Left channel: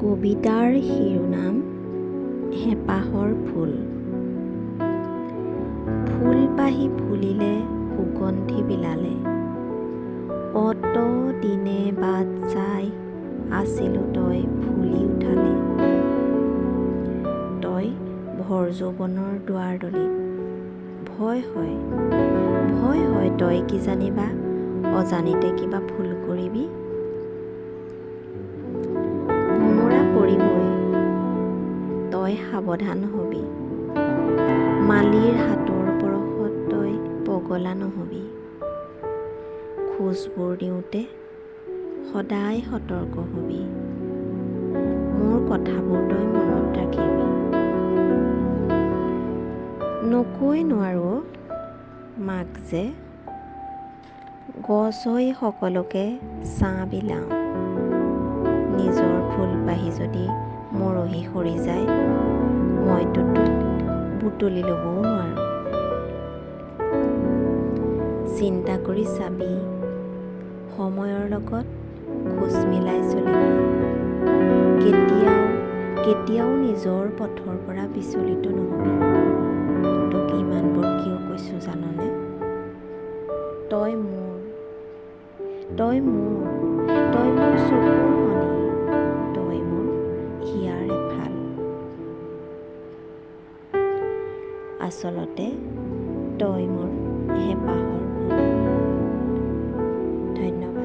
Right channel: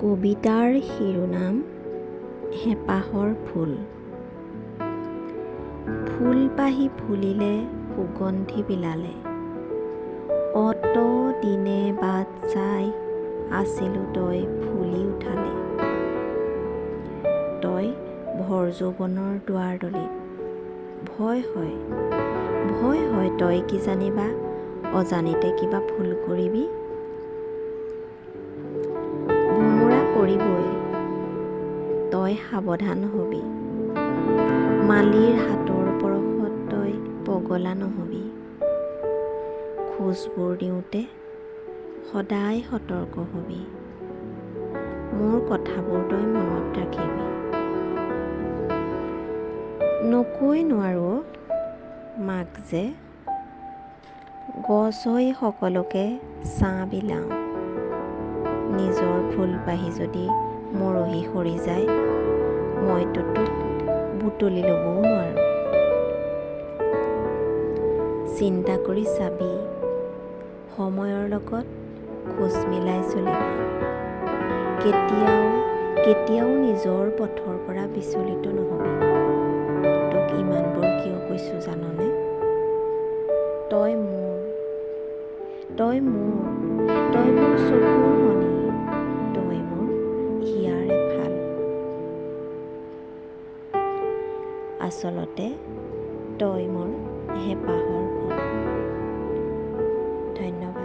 কবিতাৰ শিৰোনাম হেঁপাহৰ ফুল। ফুল পাহি ফুলিলে সুগন্ধি বিলালে, অত দিনে বাট চাই আছিলো তই ফুলি উঠালে। তই ভৰ যৌৱনৰ দুৱাৰ দলিত, ভয় হয় তই কি জানিবা অজানিতে কিবা ভুল কৰিবি। ভোমোৰা পৰিবই, তই সাৱধান হবি, মালিৰ হাতৰ পৰশত তই পগলা নহবি। খোজবোৰ দিওঁতে সদায় সতৰ্ক হবি, মোৰ কথাবোৰ তই মনত ৰাখিবি। নকৈ নোৱাৰো মাক যে, গছ হৈ সকলোকে ছাঁ বিলাওঁ। নিজৰ ফুল পাহি যদি মৰহি সৰি যায়, মইতো তোক বুটলি ল'বও নোৱাৰো। চিন্তা কৰি চাবি, সময়ৰ লগত খোজ মিলাই চলিবি। কেতিয়াও নিজৰ পথৰ পৰা বিচলিত নহবি। তোক ইমানবোৰ কিয় কৈছো জাননে? তই মোৰ চকুৰ মণি, তই মোৰ হিয়াৰ এফাল। আচলতে তই মোৰ হেঁপাহৰ ফুল। ধন্যবাদ।